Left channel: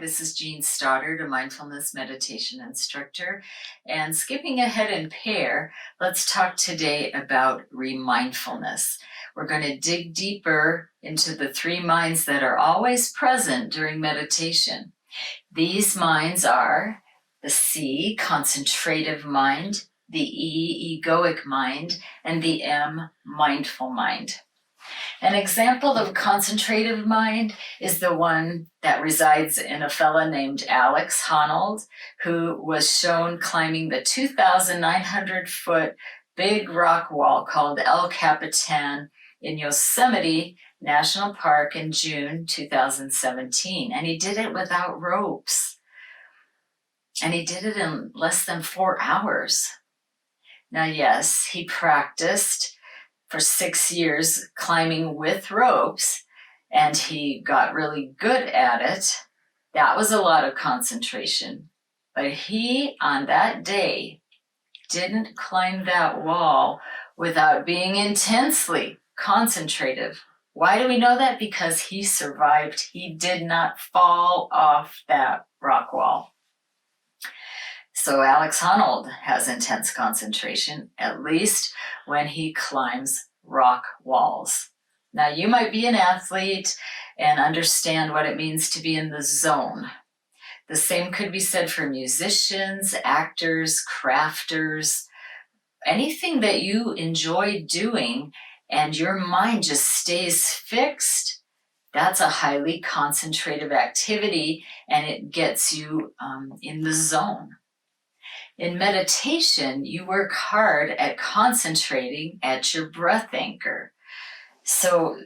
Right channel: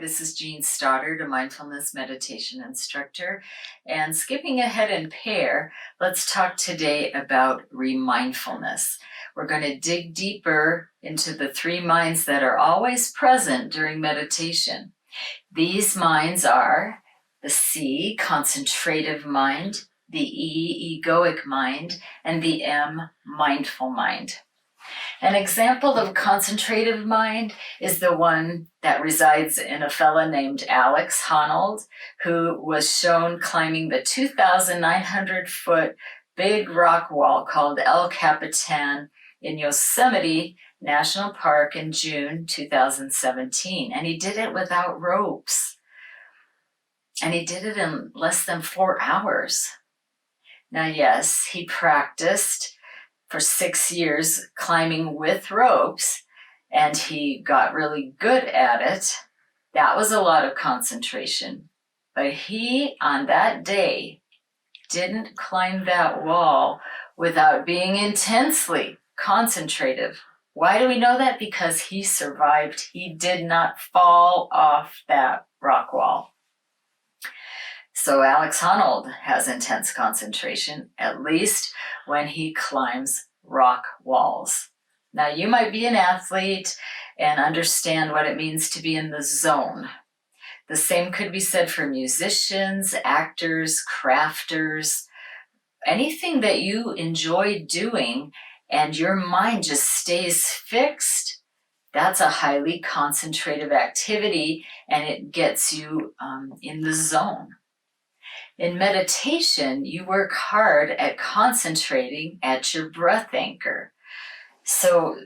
this is Jean Stoddard, a Mindfulness Meditation Instructor. And skipping ahead in pair, let's talk today about remindfulness. We're going to dig deeper into the three minds that are always present during meditation. These minds are the C, concentrative mind, the E, egoic mind, and the M, mindful mind. An example of a concentrative mind is the one that resides in a fella named Alex Honnold, who was shown climbing the 2,900-foot big rock wall called El Capitan in Yosemite National Park in June 2017. And he did it without ropes. And he did it in less than 4 hours. Now, yes, he practiced for 6 years climbing with ropes, and he got really good at it. That was a lot of concentration. But he, on that day, didn't climb that wall without being intensely concentrative. Why do we know that? Because he survived. He did not fall off that rock wall. So Alex Honnold has intense concentration, at least when he climbs rock walls. Now, you might be an athlete and understand what it means to be in the zone. The same could be said for musicians, actors, crafters, anything that you enjoy doing and your mind just stays fixed. That's a highly concentrative activity, and it gets you in the zone. In meditation, you work hard at concentrating at your breath anchor. So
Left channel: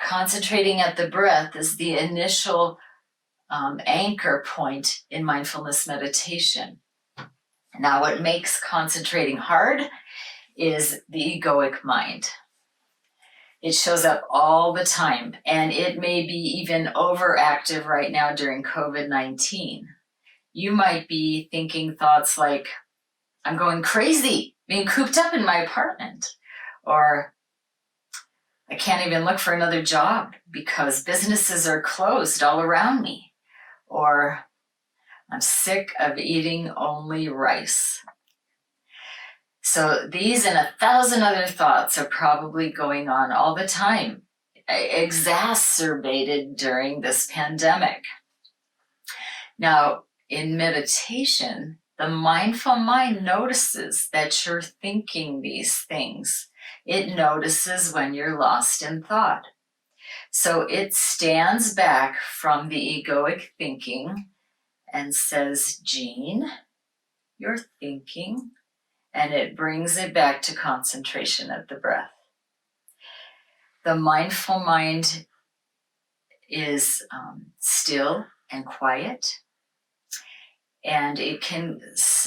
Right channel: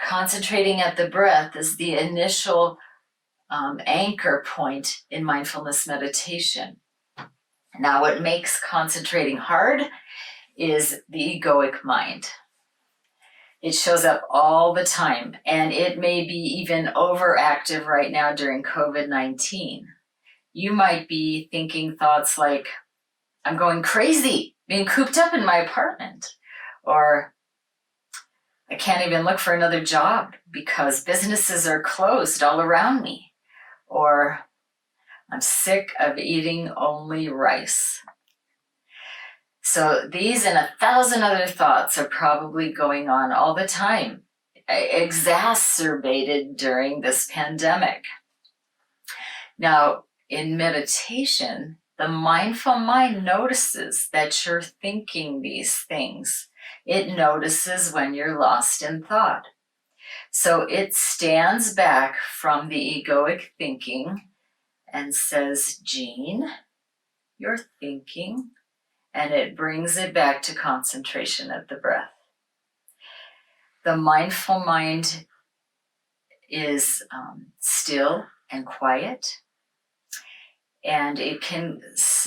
concentrating at the breath is the initial anchor point in mindfulness meditation. Now, what makes concentrating hard is the egoic mind. It shows up all the time, and it may be even overactive right now during COVID-19. You might be thinking thoughts like, I'm going crazy, being cooped up in my apartment, or I can't even look for another job because businesses are closed all around me, or I'm sick of eating only rice. So these and 1,000 other thoughts are probably going on all the time, exacerbated during this pandemic. Now, in meditation, the mindful mind notices that you're thinking these things. It notices when you're lost in thought. So it stands back from the egoic thinking and says, Jean, you're thinking, and it brings it back to concentration at the breath. The mindful mind is still and quiet. And it can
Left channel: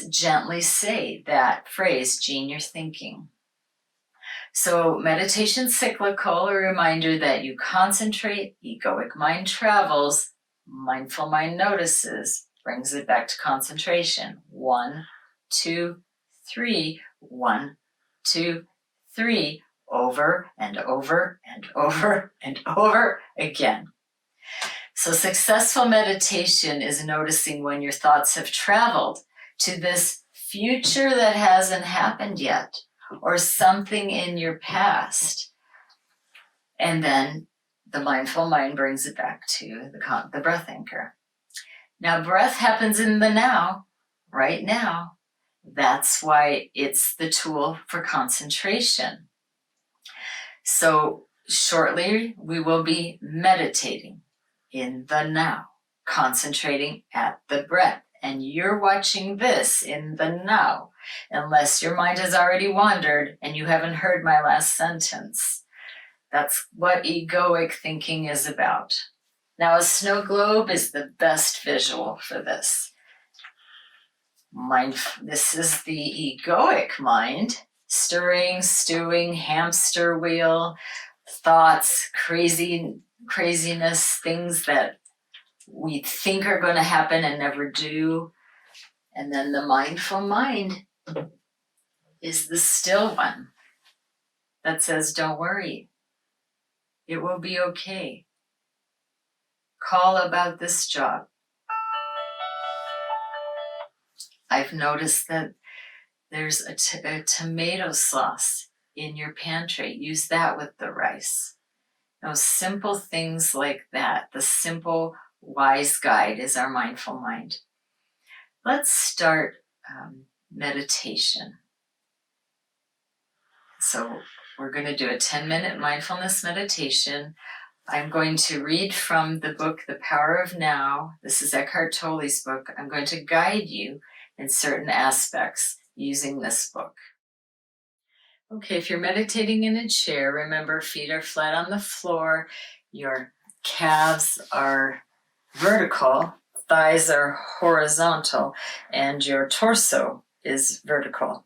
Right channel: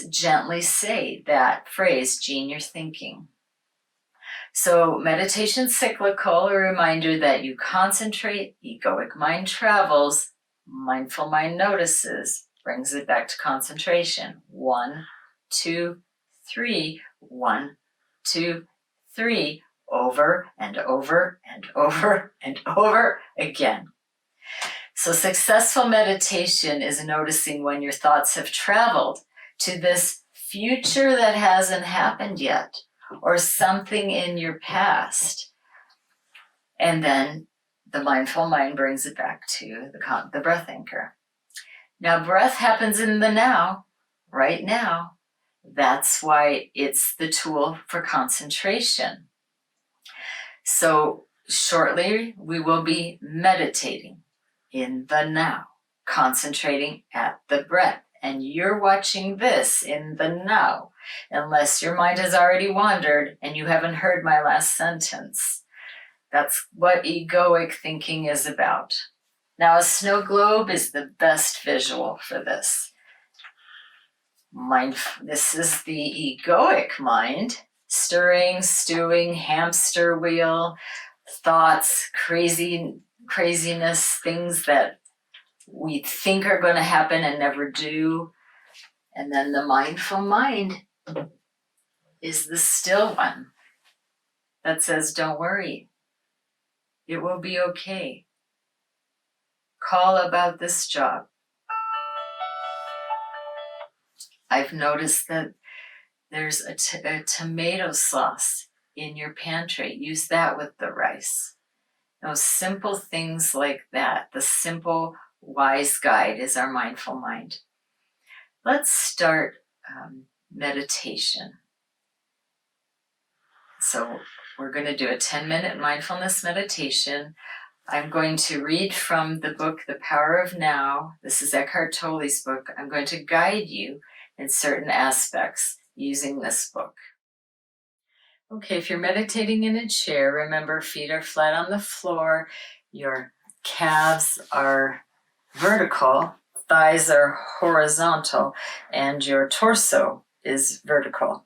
gently say that phrase, Jean, you're thinking. So meditation's cyclical, a reminder that you concentrate, egoic mind travels, mindful mind notices, brings it back to concentration. 1, 2, 3, 1, 2, 3, over and over and over and over again. So successful meditation is noticing when your thoughts have traveled to this future that hasn't happened yet, or something in your past. And then the mindful mind brings it back to the breath anchor. Now, breath happens in the now, right now. That's why it's the tool for concentration. So shortly, we will be meditating in the now, concentrating at the breath. And you're watching this in the now, unless your mind has already wandered and you haven't heard my last sentence. That's what egoic thinking is about. Now, a snow globe is the best visual for this. This is the egoic mind, stirring, stewing, hamster wheel, thoughts, craziness, things that we think are going to happen and never do. And then the mindful mind is the still one that says, don't worry, it will be okay. Call about this job. I've noticed that there's a tomato sauce in your pantry. Use that with the rice. Those simple things like that. The simple, wise guide is our mindful mind. Let's start meditation. So we're going to do a 10-minute mindfulness meditation. I'm going to read from the book, The Power of Now. This is Eckhart Tolle's book. I'm going to guide you in certain aspects using this book. Okay, if you're meditating in a chair, remember feet are flat on the floor, your calves are vertical, thighs are horizontal, and your torso is vertical.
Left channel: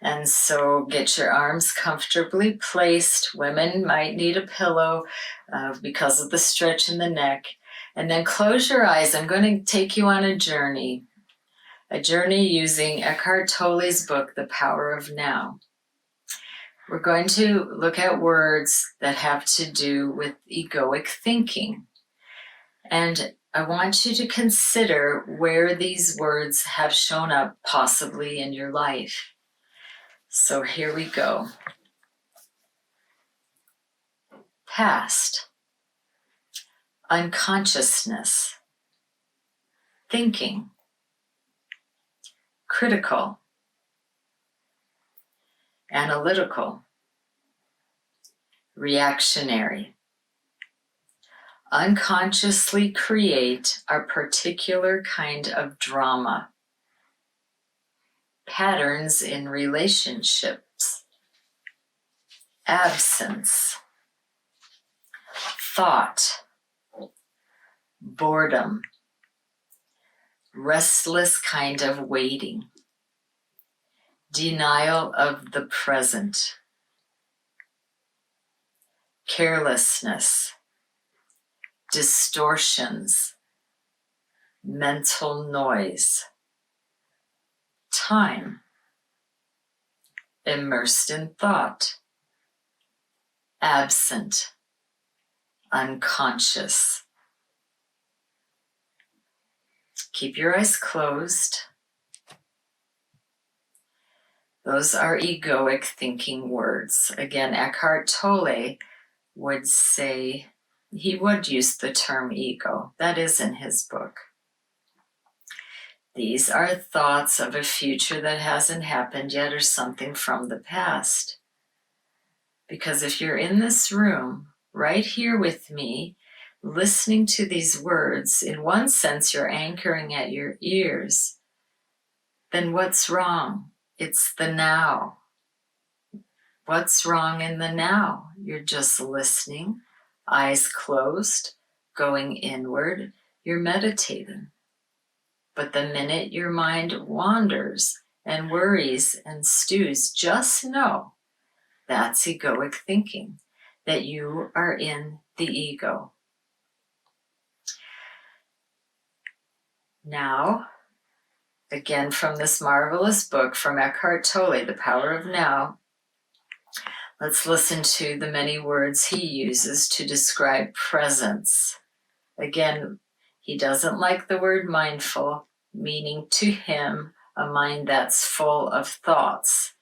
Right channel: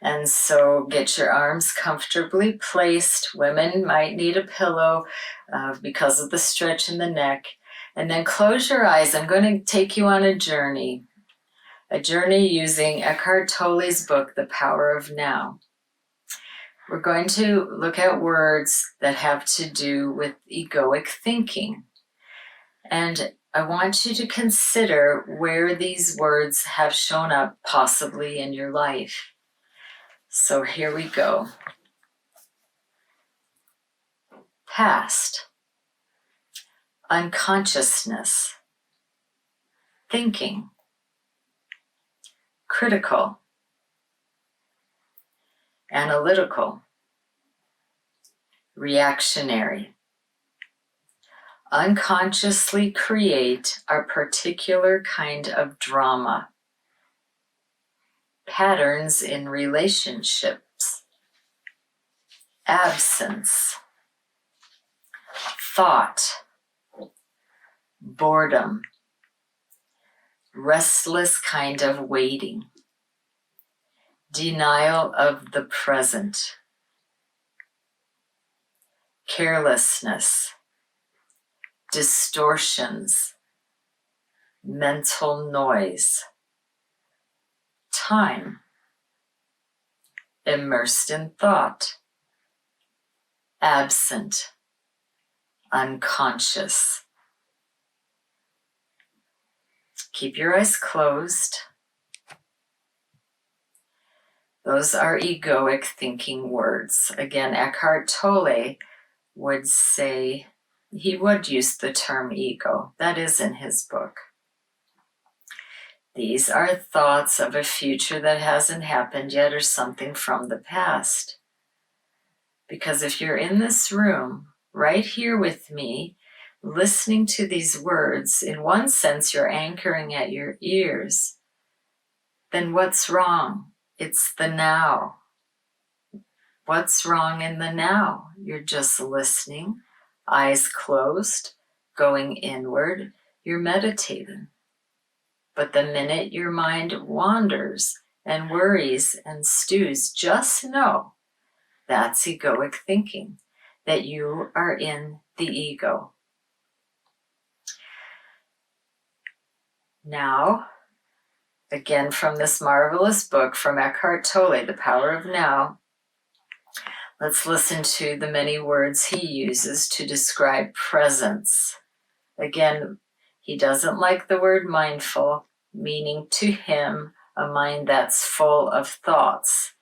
And so get your arms comfortably placed. Women might need a pillow because of the stretch in the neck. And then close your eyes. I'm going to take you on a journey using Eckhart Tolle's book, The Power of Now. We're going to look at words that have to do with egoic thinking. And I want you to consider where these words have shown up possibly in your life. So here we go. Past, unconsciousness, thinking, critical, analytical, reactionary. Unconsciously create a particular kind of drama. Patterns in relationships. Absence. Thought. Boredom. Restless kind of waiting. Denial of the present. Carelessness. Distortions. Mental noise. Time. Immersed in thought. Absent. Unconscious. Keep your eyes closed. Those are egoic thinking words. Again, Eckhart Tolle would say, he would use the term ego. That is in his book. These are thoughts of a future that hasn't happened yet or something from the past. Because if you're in this room, right here with me, listening to these words, in one sense you're anchoring at your ears, then what's wrong? It's the now. What's wrong in the now? You're just listening, eyes closed, going inward, you're meditating. But the minute your mind wanders and worries and stews, just know that's egoic thinking, that you are in the ego. Now, again from this marvelous book from Eckhart Tolle, The Power of Now, let's listen to the many words he uses to describe presence. Again, he doesn't like the word mindful, meaning to him a mind that's full of thoughts.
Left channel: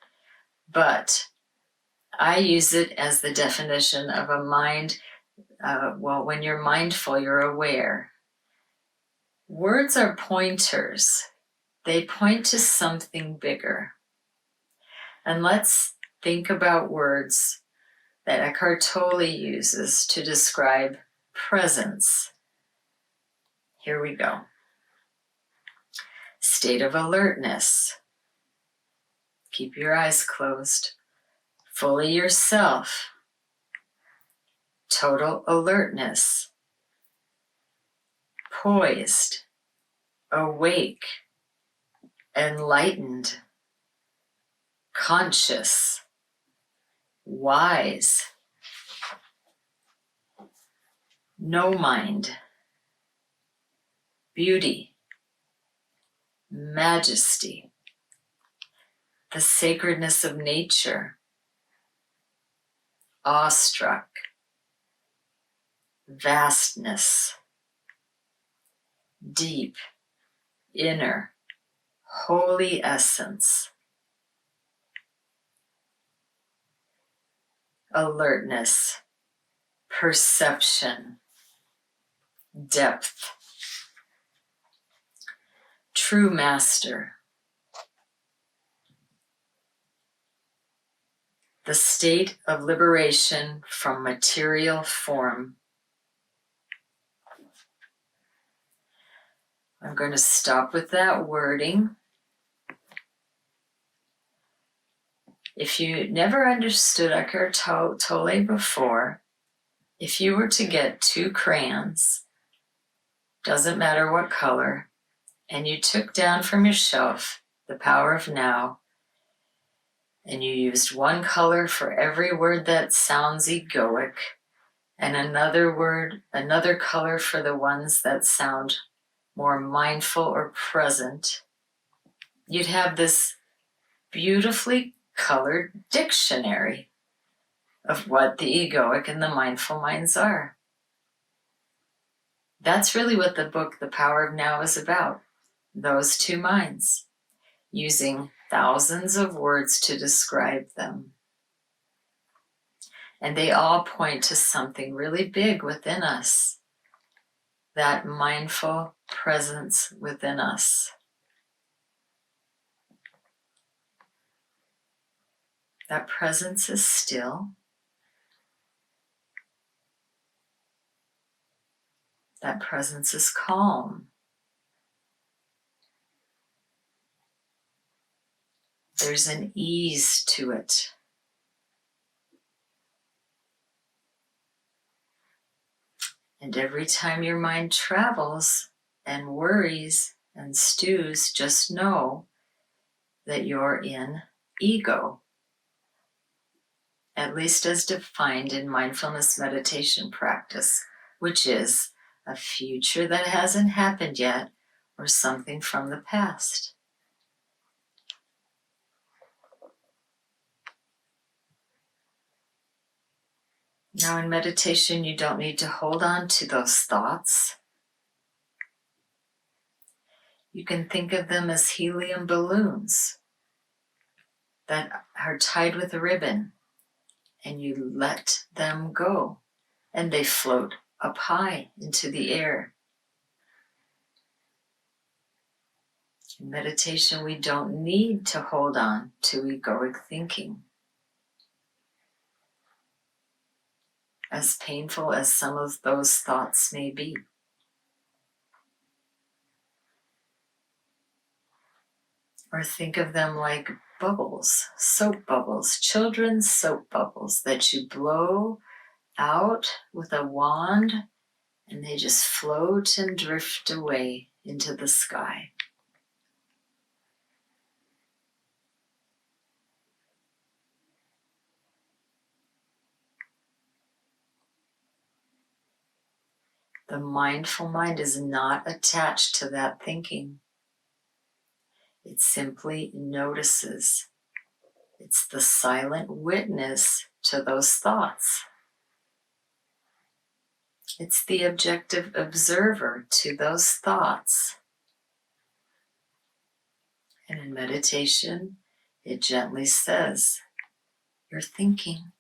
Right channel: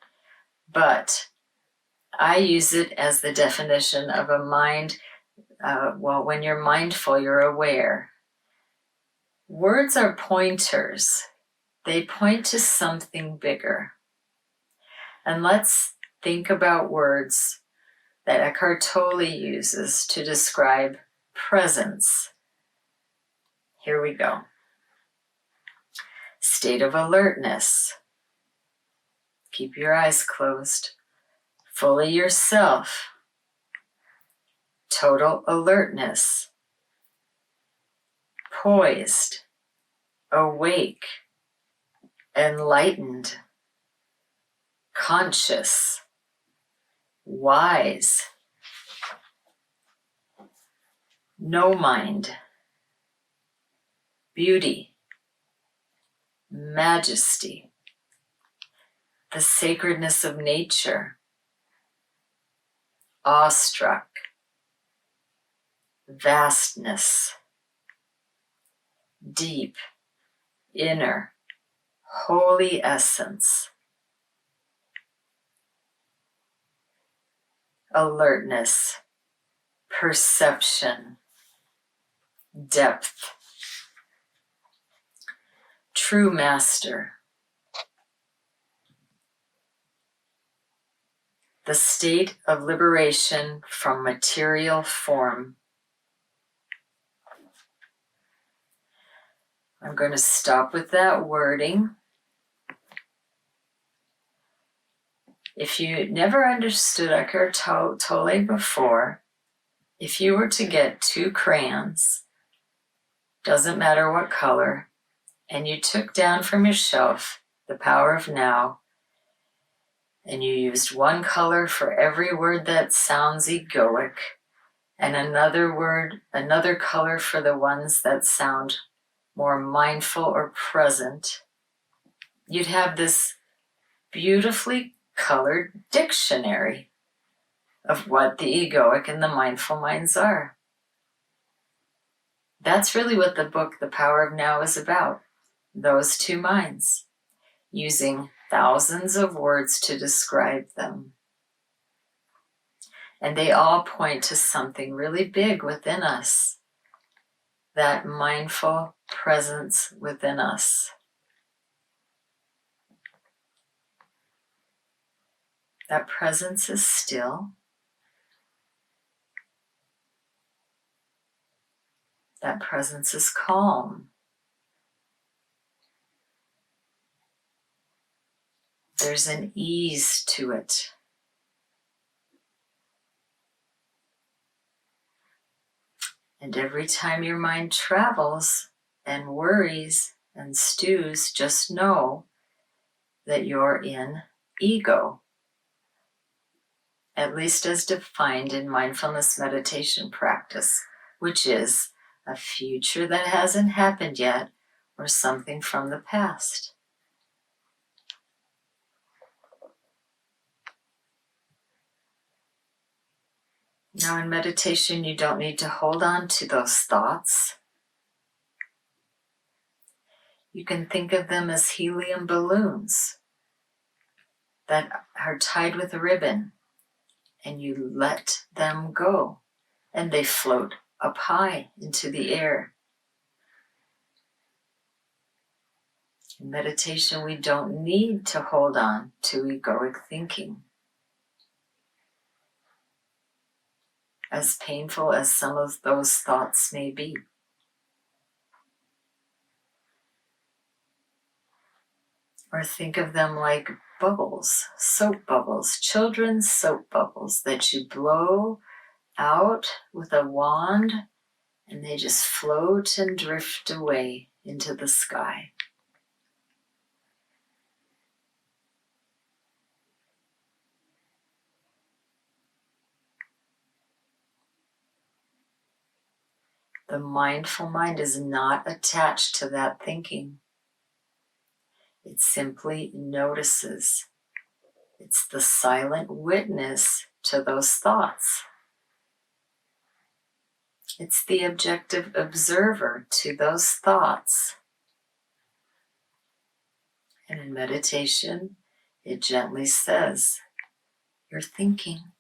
But I use it as the definition of a mind, when you're mindful, you're aware. Words are pointers. They point to something bigger. And let's think about words that Eckhart Tolle uses to describe presence. Here we go. State of alertness. Keep your eyes closed. Fully yourself. Total alertness. Poised. Awake. Enlightened. Conscious. Wise. No mind. Beauty. Majesty. The sacredness of nature. Awestruck. Vastness. Deep. Inner. holy essence, alertness, perception, depth, true master, the state of liberation from material form. I'm going to stop with that wording. If you never understood Eckhart Tolle before, if you were to get 2 crayons, doesn't matter what color, and you took down from your shelf The Power of Now, and you used one color for every word that sounds egoic, and another color for the ones that sound more mindful or present, you'd have this beautifully colored dictionary of what the egoic and the mindful minds are. That's really what the book The Power of Now is about. Those 2 minds, using thousands of words to describe them. And they all point to something really big within us, that mindful presence within us. That presence is still. That presence is calm. There's an ease to it. And every time your mind travels and worries and stews, just know that you're in ego, at least as defined in mindfulness meditation practice, which is a future that hasn't happened yet or something from the past. Now in meditation, you don't need to hold on to those thoughts. You can think of them as helium balloons that are tied with a ribbon, and you let them go, and they float up high into the air. In meditation, we don't need to hold on to egoic thinking. As painful as some of those thoughts may be. Or think of them like bubbles, soap bubbles, children's soap bubbles that you blow out with a wand, and they just float and drift away into the sky. The mindful mind is not attached to that thinking. It simply notices. It's the silent witness to those thoughts. It's the objective observer to those thoughts. And in meditation, it gently says, "You're thinking,"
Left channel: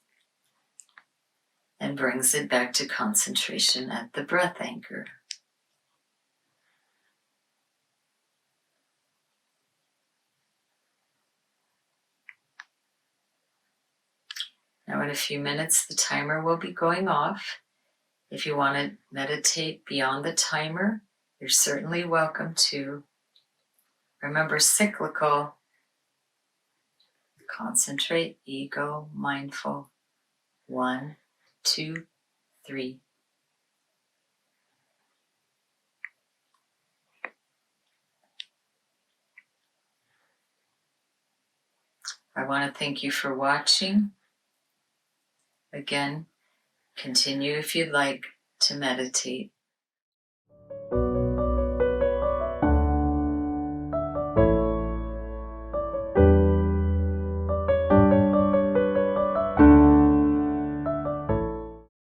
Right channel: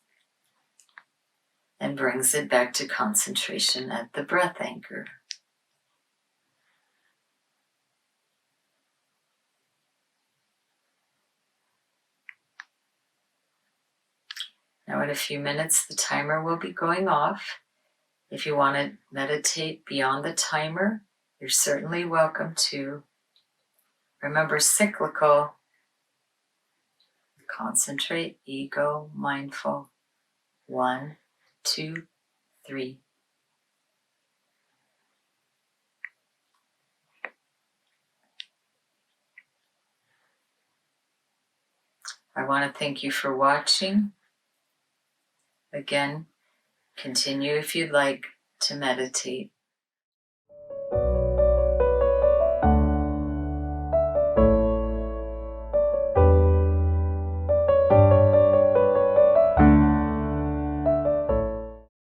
and brings it back to concentration at the breath anchor. Now in a few minutes, the timer will be going off. If you want to meditate beyond the timer, you're certainly welcome to. Remember, cyclical. Concentrate, ego, mindful. 1, 2, 3. I want to thank you for watching. Again, continue if you'd like to meditate.